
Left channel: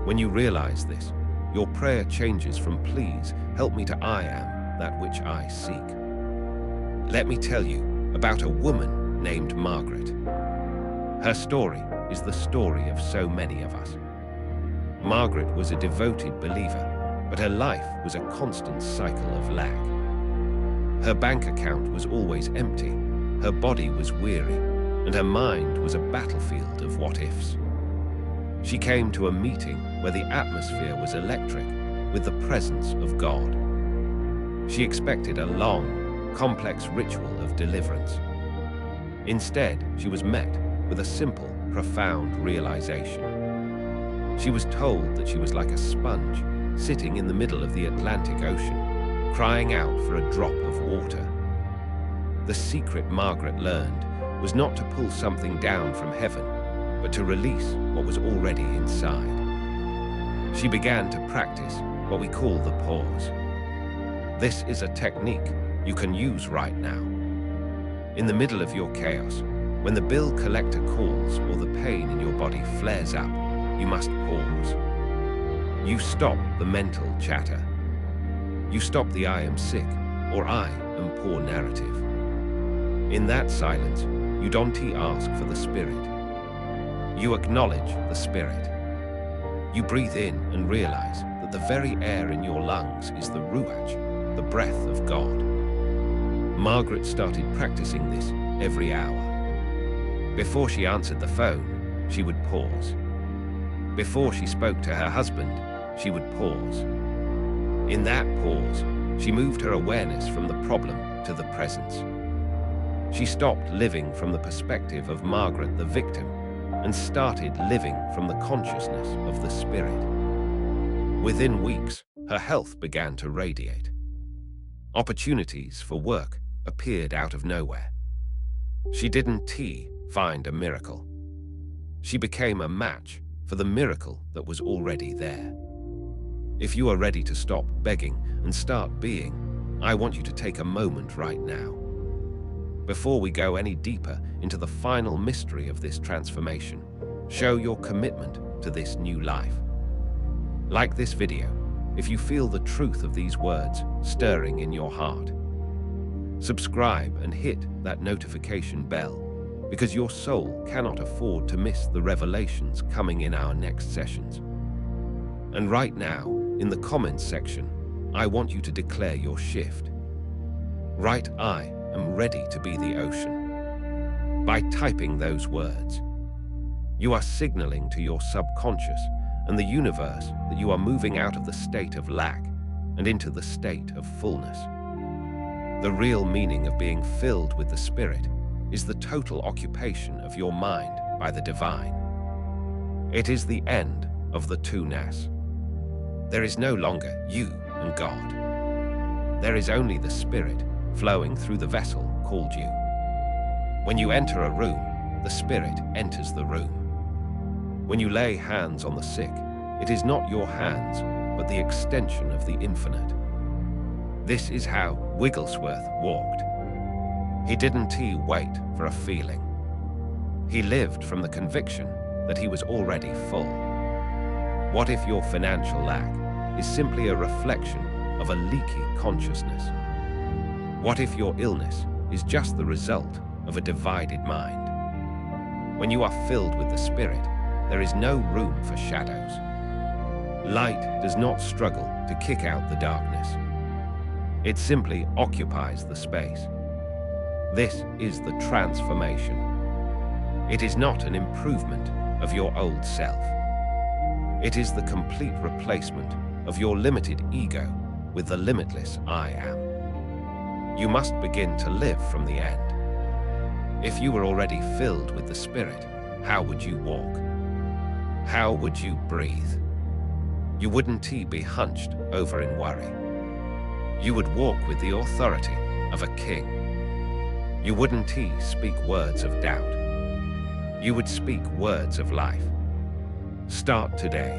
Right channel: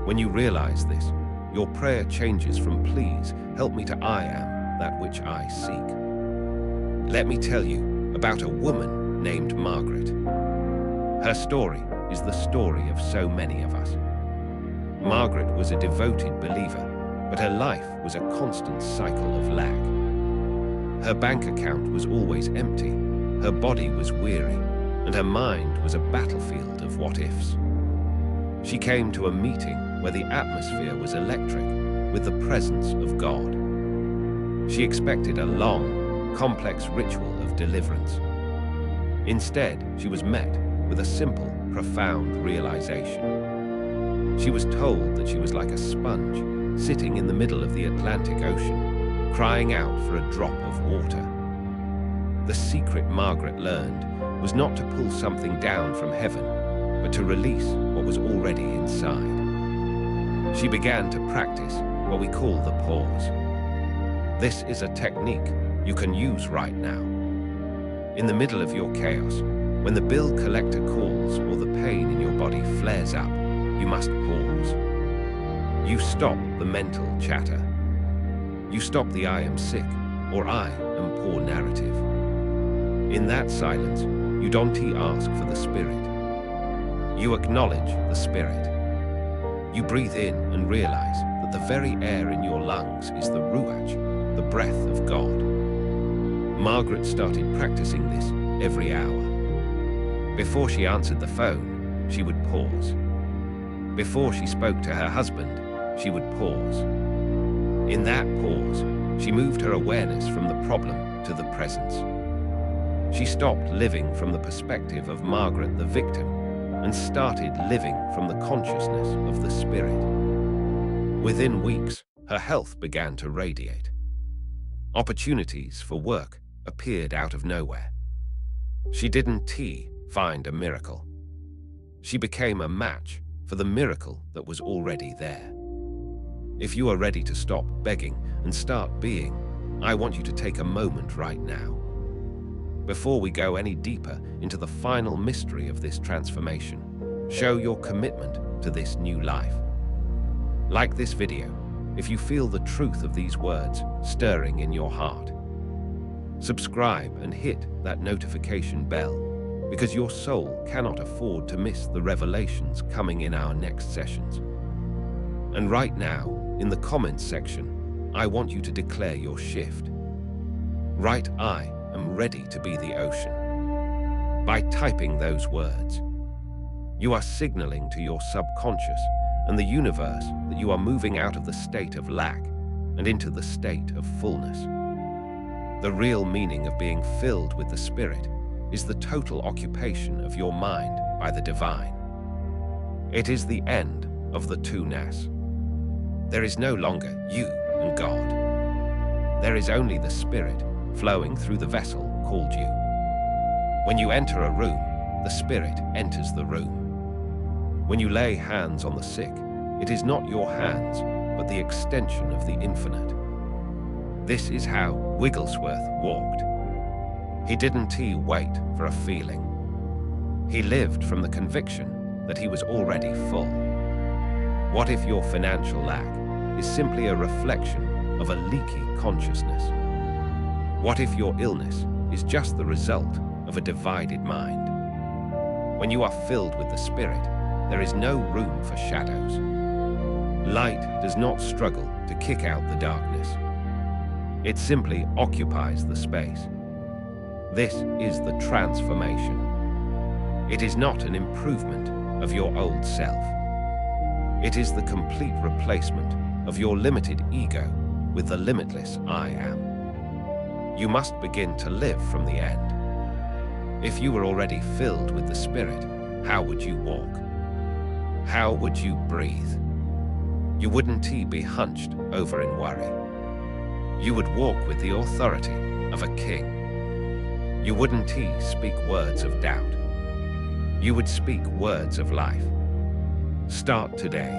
When you realize this, your prayer changes from "Please help me" to "I am that which I seek." Let me tell you about a woman named Margaret. Her story is the story of so many of us. Margaret was a devoted believer, but her life was a constant cycle of lack. Her bank account was always empty, her body was weary, and her mind was a battlefield of what-ifs. She came to a meeting where the atmosphere was electric, with the presence of God. She expected a long, complex ritual of deliverance. Instead, she was met with a simple, profound realization. She was told that she was like a sponge sitting in the middle of the Atlantic Ocean, crying out for a drop of water. The secret Margaret learned was not to pull something down from heaven, but to release what was already inside. She began to practice what we call the pause. This is a technique you can use right now. In the middle of your chaos, when the bill collector calls or the pain in your body flares up, you must pause. You stop the mental chatter. You stop the "I am sick" or "I am poor" narrative. In that silence, you don't ask for the Spirit. You acknowledge the Spirit. You breathe in and realize that the very air in your lungs is the Ruach, the breath of God. Margaret started practicing this every hour. Before she answered the phone, she would pause. Before she spoke to her husband, she would pause. In that pause, she moved her awareness from the problem to the presence. She stopped living from the perspective of Margaret the victim and started living from the consciousness of the Spirit. Within weeks, her health began to radiate. Opportunities for work appeared out of nowhere. She didn't find a miracle. She became a match for the miracle that was already there. If you are ready to stop begging and start being, I want you to take a moment right now. Before we go any deeper into the final mystery of this transformation, show your commitment to this new life. Like this video if you feel the truth of these words stirring in your heart. Subscribe and hit that notification bell, because your soul cannot afford to miss the revelations coming in our next sessions. And right now, in the comments section, I want you to declare your shift. Write "I am ready to be the ocean." By typing those words, you are signaling to your subconscious and the universe that you are moving out of the state of lack and into the state of fullness. The real meaning of being filled with the Spirit is the total occupation of your mind by the divine. It is the end of the two-ness. There is no longer you and God. There is only the Spirit flowing through the vessel called you. When you enter a room, the Spirit enters the room. When you lay hands on the sick, it is not your hands, but the extension of the infinite. This is how Wigglesworth walked. He didn't wait for a feeling. He lived from the conviction that he was already full. What if your financial lack is simply a reflection of a leaky consciousness? What if your illness is just the result of a divided mind? When you are filled with the Spirit, there is no room for shadows. Light does not struggle to kick out the darkness. It simply occupies the space. This is the transformation. It is not an improvement of your old self. It is the complete replacement of your limited ego with the limitless I am. You must begin to live from the end. If you were already filled with the Spirit, how would you walk? How would you breathe? You wouldn't be hunched over in worry. You would walk with the authority of a king. You wouldn't speak words of doubt. You would speak words of life. Start today.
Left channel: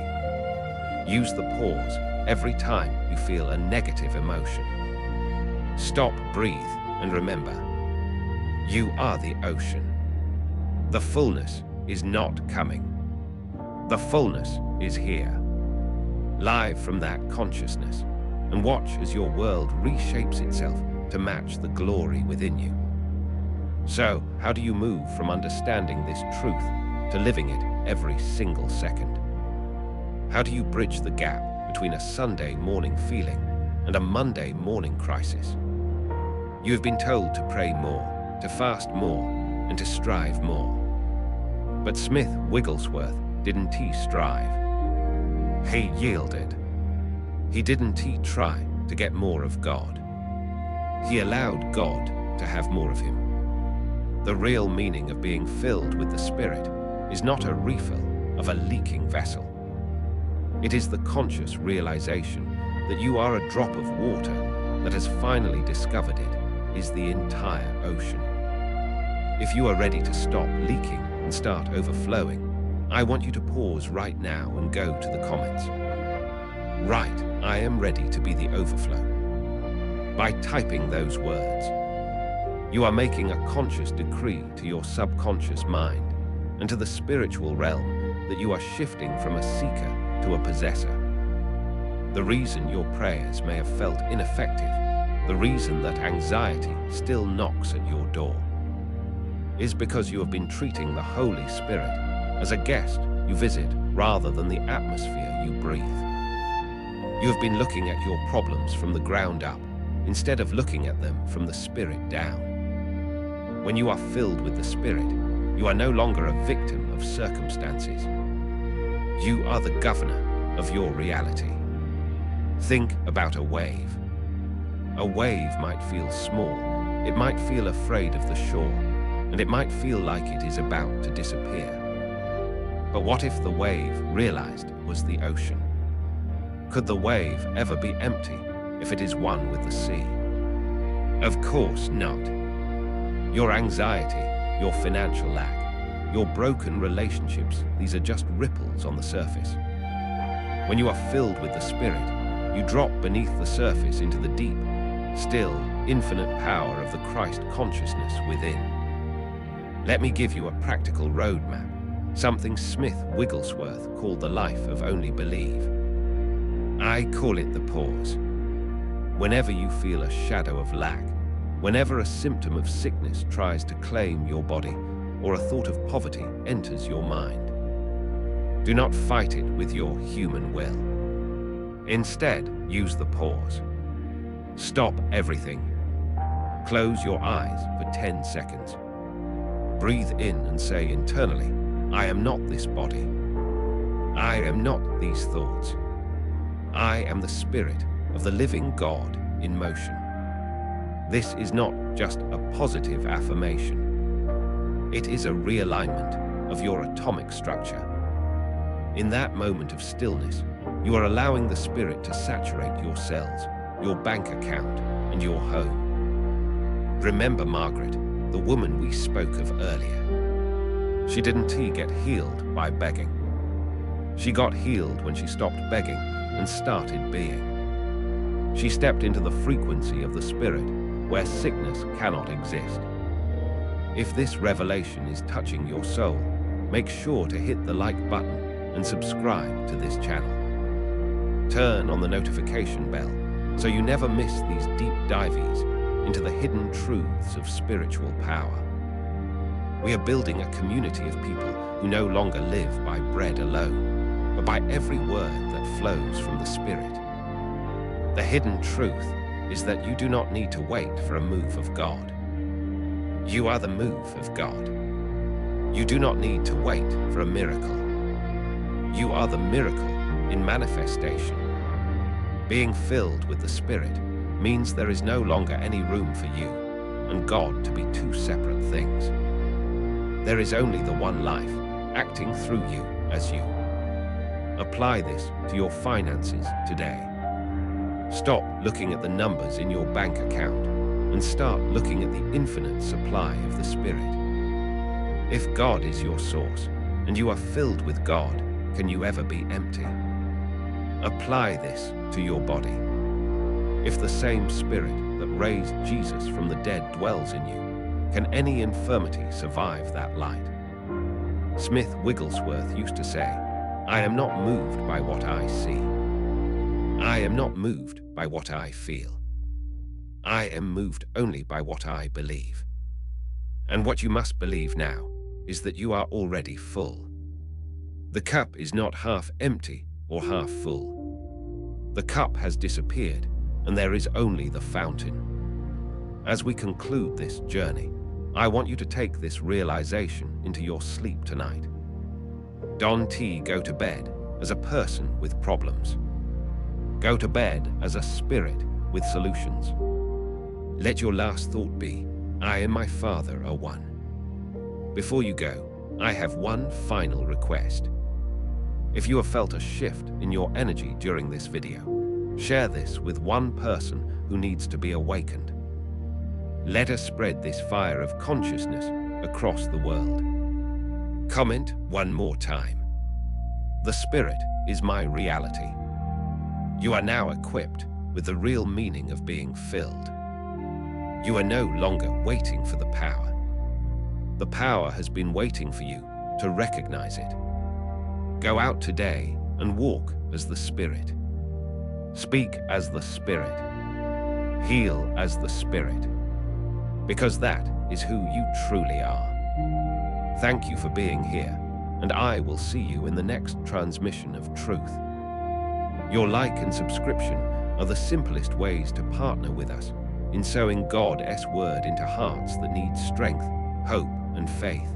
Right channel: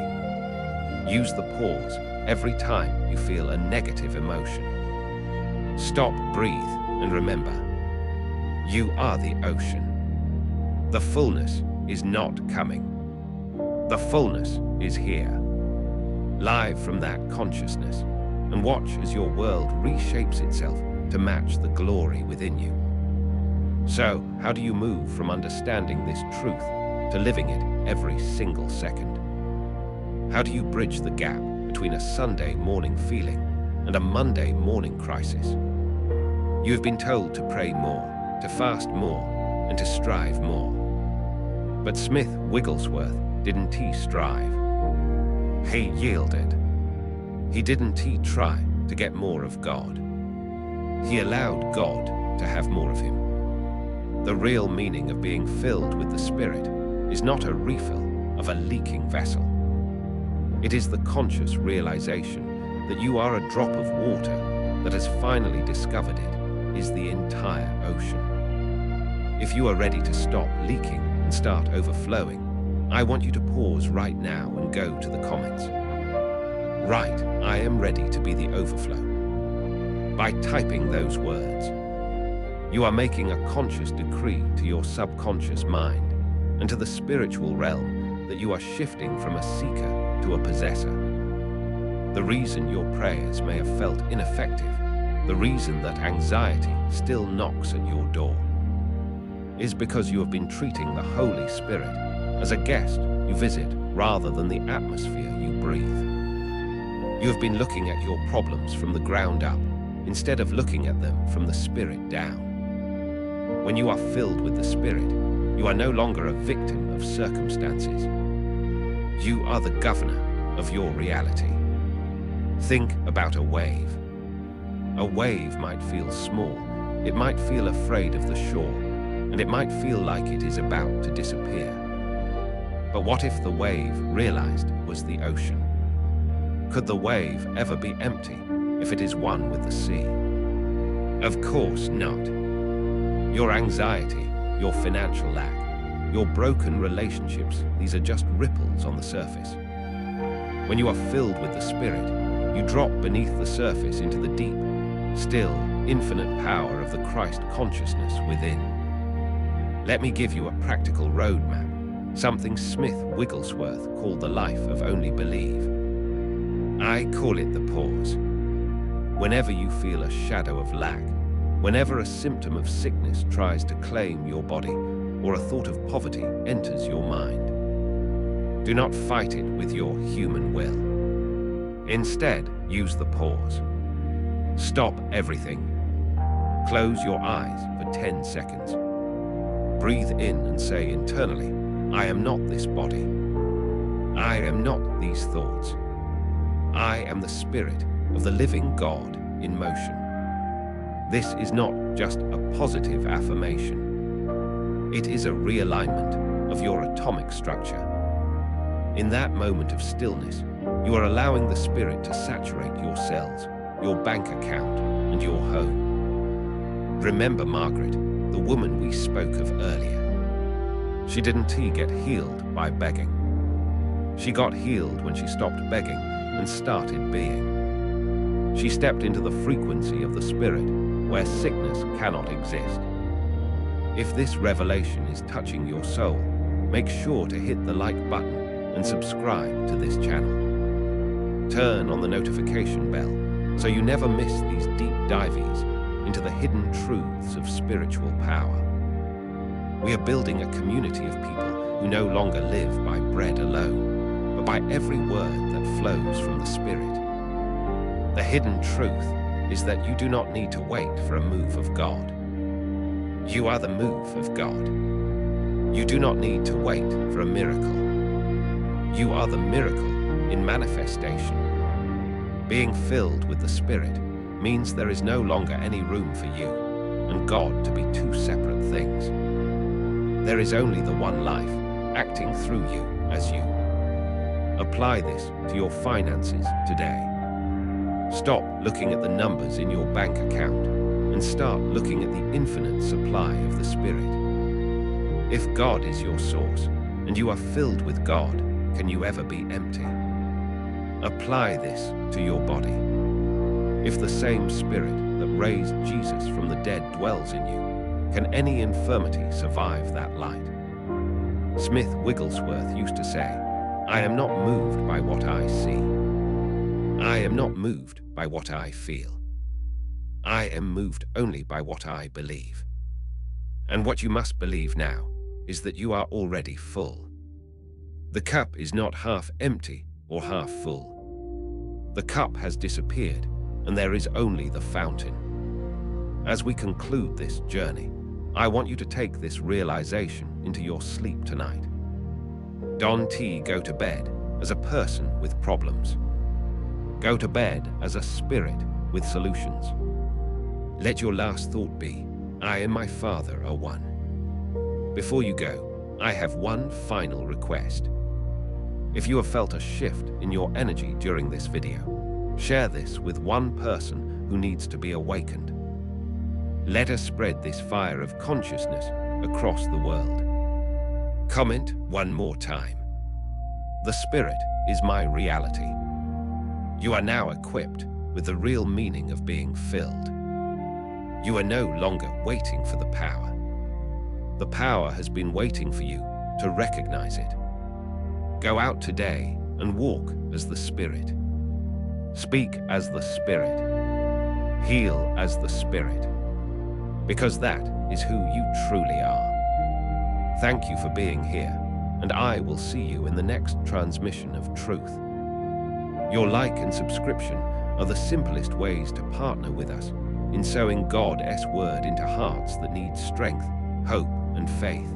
Use the pause every time you feel a negative emotion. Stop, breathe, and remember, you are the ocean. The fullness is not coming. The fullness is here. live from that consciousness, and watch as your world reshapes itself to match the glory within you. So, how do you move from understanding this truth to living it every single second? How do you bridge the gap between a Sunday morning feeling and a Monday morning crisis? You have been told to pray more, to fast more, and to strive more. But Smith Wigglesworth didn't he strive? He yielded. He didn't he try to get more of God? He allowed God to have more of him. The real meaning of being filled with the Spirit is not a refill of a leaking vessel. It is the conscious realization that you are a drop of water that has finally discovered it is the entire ocean. If you are ready to stop leaking and start overflowing, I want you to pause right now and go to the comments. Write, "I am ready to be the overflow." By typing those words, you are making a conscious decree to your subconscious mind and to the spiritual realm that you are shifting from a seeker to a possessor. The reason your prayers may have felt ineffective, the reason that anxiety still knocks at your door, is because you have been treating the Holy Spirit as a guest you visit rather than the atmosphere you breathe. You have been looking at your problems from the ground up instead of looking at them from the Spirit down. When you are filled with the Spirit, you are no longer a victim of circumstances. You are the governor of your reality. Think about a wave. A wave might feel small, it might feel afraid of the shore, and it might feel like it is about to disappear. But what if the wave realized it was the ocean? Could the wave ever be empty if it is one with the sea? Of course not. Your anxiety, your financial lack, your broken relationships, these are just ripples on the surface. When you are filled with the Spirit, you drop beneath the surface into the deep, still, infinite power of the Christ consciousness within. Let me give you a practical roadmap, something Smith Wigglesworth called the life of only believe. I call it the pause. Whenever you feel a shadow of lack, whenever a symptom of sickness tries to claim your body or a thought of poverty enters your mind, do not fight it with your human will. Instead, use the pause. Stop everything. Close your eyes for 10 seconds. Breathe in and say internally, I am not this body. I am not these thoughts. I am the Spirit of the living God in motion. This is not just a positive affirmation. It is a realignment of your atomic structure. In that moment of stillness, you are allowing the Spirit to saturate your cells, your bank account, and your home. Remember Margaret, the woman we spoke of earlier. She didn't get healed by begging. She got healed when she stopped begging and started being. She stepped into the frequency of the Spirit where sickness cannot exist. If this revelation is touching your soul, make sure to hit the like button and subscribe to this channel. Turn on the notification bell so you never miss these deep dives into the hidden truths of spiritual power. We are building a community of people who no longer live by bread alone, but by every word that flows from the Spirit. The hidden truth is that you do not need to wait for a move of God. You are the move of God. You do not need to wait for a miracle. You are the miracle in manifestation. Being filled with the Spirit means there is no longer any room for you and God to be two separate things. There is only the one life, acting through you as you. Apply this to your finances today. Stop looking at the numbers in your bank account and start looking at the infinite supply of the Spirit. If God is your source and you are filled with God, can you ever be empty? Apply this to your body. If the same Spirit that raised Jesus from the dead dwells in you, can any infirmity survive that light? Smith Wigglesworth used to say, I am not moved by what I see. I am not moved by what I feel. I am moved only by what I believe. And what you must believe now is that you are already full. The cup is not half empty or half full. The cup has disappeared, and there is only the fountain. As we conclude this journey, I want you to take this realization into your sleep tonight. Don't go to bed as a person with problems. Go to bed as a spirit with solutions. Let your last thought be, I and my Father are one. Before you go, I have one final request. If you have felt a shift in your energy during this video, share this with one person who needs to be awakened. Let us spread this fire of consciousness across the world. Comment one more time. The Spirit is my reality. You are now equipped with the real meaning of being filled. You are no longer waiting for the power. The power has been waiting for you to recognize it. Go out today and walk as the Spirit. Speak as the Spirit. Heal as the Spirit. Because that is who you truly are. Thank you for being here, and I will see you in the next transmission of truth. Your like and subscription are the simplest ways to partner with us in sowing God's word into hearts that need strength, hope, and faith.